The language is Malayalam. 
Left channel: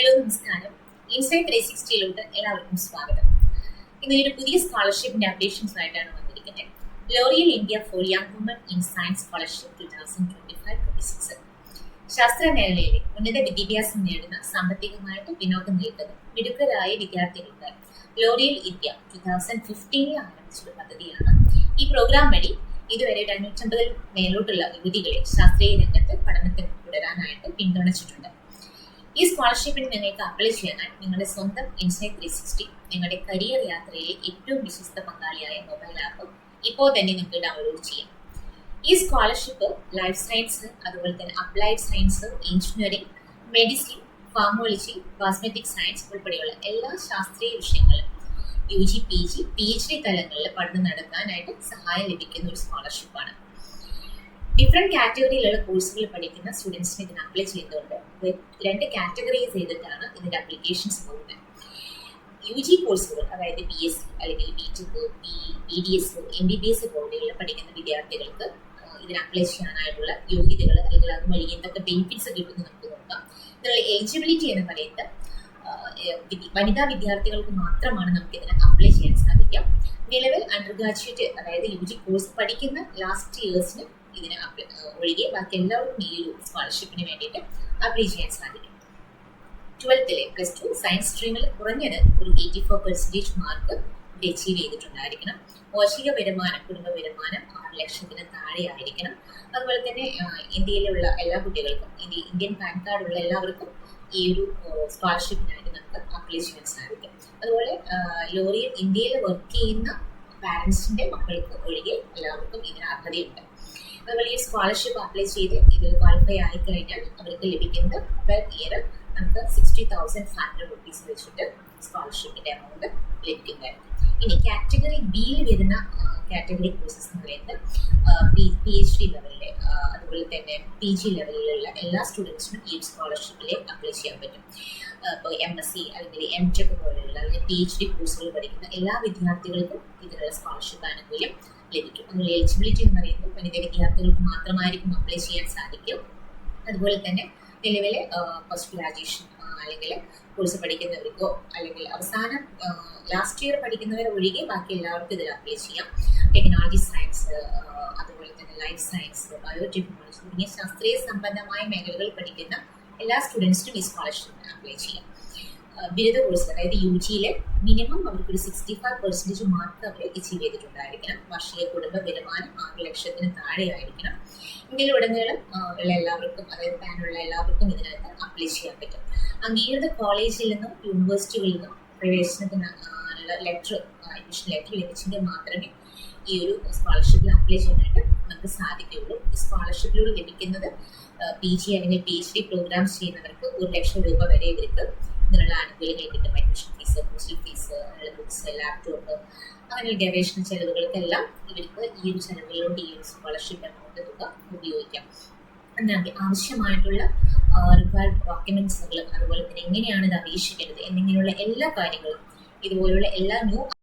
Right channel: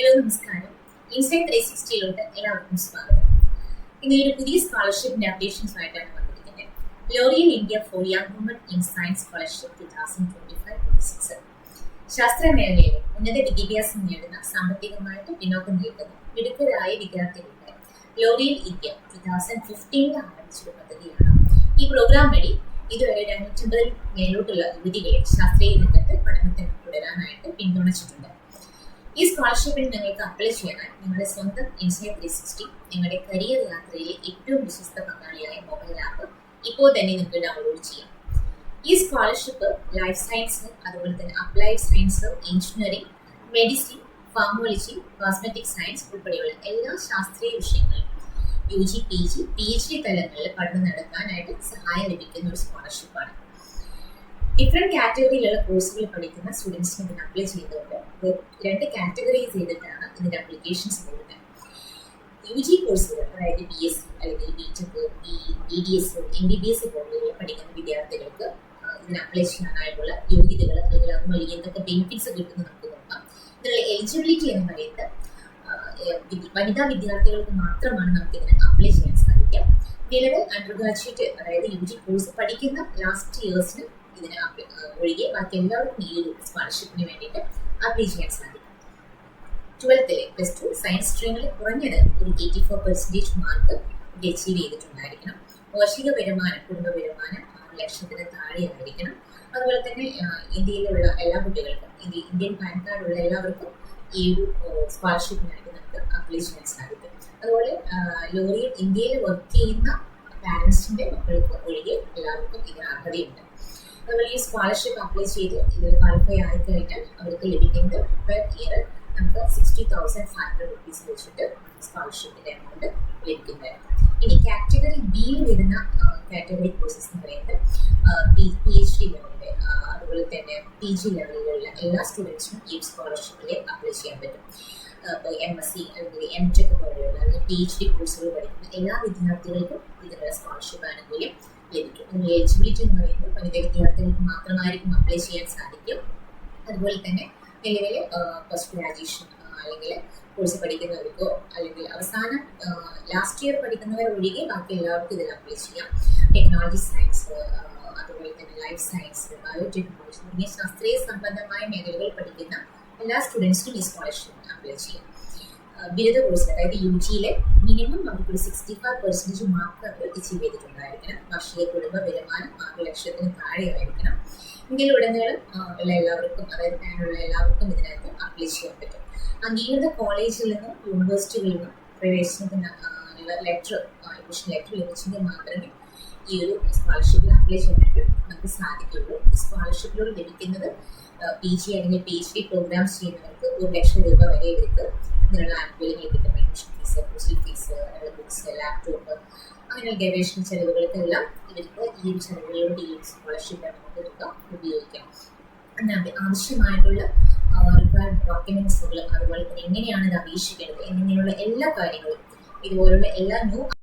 ഹലോ നമസ്കാരം. ഇൻസൈറ്റ് 360 എല്ലാവർക്കും സ്വാഗതം. ഇന്ന് ഒരു പുതിയ സ്കോളർഷിപ്പിന്റെ അപ്ഡേഷൻസുമായിട്ടാണ് വന്നിരിക്കുന്നത്. L'Oréal India for young woman in science scholarship 2025-26. ശാസ്ത്ര മേഖലയിലെ ഉന്നത വിദ്യാഭ്യാസം നേടുന്ന സാമ്പത്തികമായിട്ട് പിന്നോക്കം നിൽക്കുന്ന മിടുക്കരായ വിദ്യാർത്ഥികൾക്കായി ലോറിയൽ ഇന്ത്യ 2015 ആരംഭിച്ചൊരു പദ്ധതിയാണ്. ഈ പ്രോഗ്രാം വഴി ഇതുവരെ 250 മേലോട്ടുള്ള യുവതികളെ ശാസ്ത്രീയ രംഗത്ത് പഠനത്തിൽ തുടരാനായിട്ട് പിന്തുണച്ചിട്ടുണ്ട്. ഈ സ്കോളർഷിപ്പിന് നിങ്ങൾക്ക് അപ്ലൈ ചെയ്യാനായി നിങ്ങളുടെ സ്വന്തം ഇൻസൈറ്റ് 360 നിങ്ങളുടെ കരിയർ യാത്രയിലെ ഏറ്റവും വിശ്വസ്ത പങ്കാളിയായ മൊബൈൽ ആപ്പ് ഇപ്പോൾ തന്നെ നിങ്ങൾക്ക് ഡൗൺലോഡ് ചെയ്യാം. ഈ സ്കോളർഷിപ്പ് ലൈഫ് സയൻസ്, അതുപോലെ തന്നെ applied science, engineering, medicine, pharmacology, cosmetic science ഉൾപ്പെടെയുള്ള എല്ലാ ശാസ്ത്രീയ വിഷയങ്ങളിലും UG, PG, PhD തലങ്ങളിൽ പഠനം നടത്താനായിട്ട് സഹായം ലഭിക്കുന്ന ഒരു സ്കോളർഷിപ്പാണ്. ഡിഫറെന്റ് കാറ്റഗറിയിലുള്ള കോഴ്സുകൾ പഠിക്കുന്ന സ്റ്റുഡൻസിന് ഇതിന് അപ്ലൈ ചെയ്തുകൊണ്ട് 2 കാറ്റഗറൈസ് ചെയ്തിട്ടാണ് ഇതിന്റെ അപ്ലിക്കേഷൻസ് പോകുന്നത്. UG കോഴ്സുകൾ, അതായത് BSc അല്ലെങ്കിൽ BTech, BDS, MBBS പോലെയുള്ള പഠിക്കുന്ന വിദ്യാർത്ഥികൾക്ക് ഇതിന് അപ്ലൈ ചെയ്യാനായിട്ടുള്ള യോഗ്യതകൾ അല്ലെങ്കിൽ അതുവഴി എന്തൊക്കെ ബെനിഫിറ്റ്സ് കിട്ടുമെന്ന് നമുക്ക് നോക്കാം. ഇതിനുള്ള എലിജിബിലിറ്റി എന്ന് പറയുന്നത് വനിതാ വിദ്യാർത്ഥികൾക്ക് മാത്രമാണ് നമുക്ക് ഇതിന് അപ്ലൈ ചെയ്യാൻ സാധിക്കാം. നിലവിൽ അണ്ടർ ഗ്രാജുവേറ്റ്, അതായത് UG കോഴ്സ് പഠിക്കുന്ന ലാസ്റ്റ് ഇയേഴ്സിന് ഇതിന് ഒഴികെ ബാക്കി എല്ലാവർക്കും ഈ ഒരു സ്കോളർഷിപ്പിന് വേണ്ടിയിട്ട് അപ്ലൈ ചെയ്യാൻ സാധിക്കും. 12th +2 സയൻസ് സ്ട്രീമിൽ കുറഞ്ഞത് ഒരു 84% മാർക്ക് ഇത് അച്ചീവ് ചെയ്തിട്ടുണ്ടായിരിക്കണം. വാർഷിക വരുമാനം, കുടുംബ വരുമാനം 6 ലക്ഷത്തിന് താഴെ ആയിരിക്കണം. അതുപോലെ തന്നെ ഇന്ത്യയിലുള്ള എല്ലാ കുട്ടികൾക്കും, ഇന്ത്യൻ പാൻ കാർഡുള്ള എല്ലാവർക്കും ഈ ഒരു സ്കോളർഷിപ്പിനായിട്ട് നമുക്ക് അപ്ലൈ ചെയ്യാൻ സാധിക്കും. അതുപോലെ ലോറിയൽ ഇന്ത്യയിൽ വർക്ക് ചെയ്യുന്ന പാരൻസിന്റെ മക്കൾക്ക് ഒഴികെ എല്ലാവർക്കും ഇതിന് അർഹതയുണ്ട്. അതുപോലെ ഈ സ്കോളർഷിപ്പ് അപ്ലൈ ചെയ്ത് ഇതിൽ ക്വാളിഫൈ ആയി കഴിഞ്ഞാൽ അവർക്ക് ലഭിക്കുന്നത് പെർ ഇയർ നമുക്ക് 60,500 rupees വെച്ചിട്ട് സ്കോളർഷിപ്പിന്റെ എമൗണ്ട് ലഭിക്കുന്നതായിരുന്നു. ഇനി കാറ്റഗറി ബിയിൽ വരുന്ന കാറ്റഗറി കോഴ്സസ് എന്ന് പറയുന്നത് PhD ലെവലിലെ, അതുപോലെ തന്നെ PG ലെവലിലുള്ള എല്ലാ സ്റ്റുഡൻസിനും ഈ സ്കോളർഷിപ്പിൽ അപ്ലൈ ചെയ്യാൻ പറ്റും. ഇപ്പോൾ MSc അല്ലെങ്കിൽ MTech പോലെയുള്ള അല്ലെങ്കിൽ PhD കോഴ്സുകൾ പഠിക്കുന്ന എല്ലാ വിദ്യാർത്ഥികൾക്കും ഇതിനുള്ള സ്കോളർഷിപ്പ് ആനുകൂല്യം ലഭിക്കും. അതിനുള്ള എലിജിബിലിറ്റി എന്ന് പറയുന്നത് വനിതാ വിദ്യാർത്ഥികൾക്ക് മാത്രമായിരിക്കും അപ്ലൈ ചെയ്യാൻ സാധിക്കും. അതുപോലെ തന്നെ നിലവിലെ പോസ്റ്റ് ഗ്രാജുവേഷൻ അല്ലെങ്കിൽ കോഴ്സ് പഠിക്കുന്നവർക്കോ അല്ലെങ്കിൽ അവസാനം ലാസ്റ്റ് ഇയർ പഠിക്കുന്നവർ ഒഴികെ ബാക്കി എല്ലാവർക്കും ഇതിൽ അപ്ലൈ ചെയ്യാം. ടെക്നോളജി സയൻസ്, അതുപോലെ തന്നെ ലൈഫ് സയൻസ്, ബയോടെക്നോളജി തുടങ്ങിയ ശാസ്ത്രീയ സംബന്ധമായ മേഖലകൾ പഠിക്കുന്ന എല്ലാ സ്റ്റുഡൻസിനും ഈ സ്കോളർഷിപ്പിന് അപ്ലൈ ചെയ്യാം. ബിരുദ കോഴ്സ്, അതായത് UGയിലെ മിനിമം അവർക്കൊരു 65% മാർക്ക് അവർ അച്ചീവ് ചെയ്തിട്ടുണ്ടായിരിക്കണം. വാർഷിക കുടുംബ വരുമാനം 6 ലക്ഷത്തിന് താഴെ ആയിരിക്കണം. ഇന്ത്യയിലുടനീളം ഉള്ള എല്ലാവർക്കും, അതായത് പാനുള്ള എല്ലാവർക്കും ഇതിനകത്ത് അപ്ലൈ ചെയ്യാൻ പറ്റും. അംഗീകൃത കോളേജിൽ നിന്നും യൂണിവേഴ്സിറ്റികളിൽ നിന്നും പ്രവേശനത്തിന് ലെറ്റർ, അഡ്മിഷൻ ലെറ്റർ ലഭിച്ചെങ്കിൽ മാത്രമേ ഈ ഒരു സ്കോളർഷിപ്പിൽ അപ്ലൈ ചെയ്യാനായിട്ട് നമുക്ക് സാധിക്കുകയുള്ളൂ. ഈ സ്കോളർഷിപ്പിലൂടെ ലഭിക്കുന്നത് PG അല്ലെങ്കിൽ PhD പ്രോഗ്രാംസ് ചെയ്യുന്നവർക്ക് 1 ലക്ഷം രൂപ വരെ ഇവർക്ക് ഇതിനുള്ള ആനുകൂല്യങ്ങൾ കിട്ടും. അഡ്മിഷൻ ഫീസ്, ഹോസ്റ്റൽ ഫീസ്, അതിനുള്ള ബുക്സ്, ലാപ്ടോപ്പ്, അങ്ങനെ ഗവേഷണ ചെലവുകൾക്കെല്ലാം ഇവർക്ക് ഈ ഒരു ചെലവുകളിലോട്ട് ഈ ഒരു സ്കോളർഷിപ്പ് എമൗണ്ട് തുക ഉപയോഗിക്കാം. എന്നാൽ ആവശ്യമായിട്ടുള്ള റിക്വയർഡ് ഡോക്യുമെന്റ്സുകൾ, അതുപോലെ തന്നെ എങ്ങനെയാണ് ഇത് അപേക്ഷിക്കേണ്ടത് എന്നിങ്ങനെയുള്ള എല്ലാ കാര്യങ്ങളും, ഇതുപോലുള്ള എല്ലാ ന്യൂ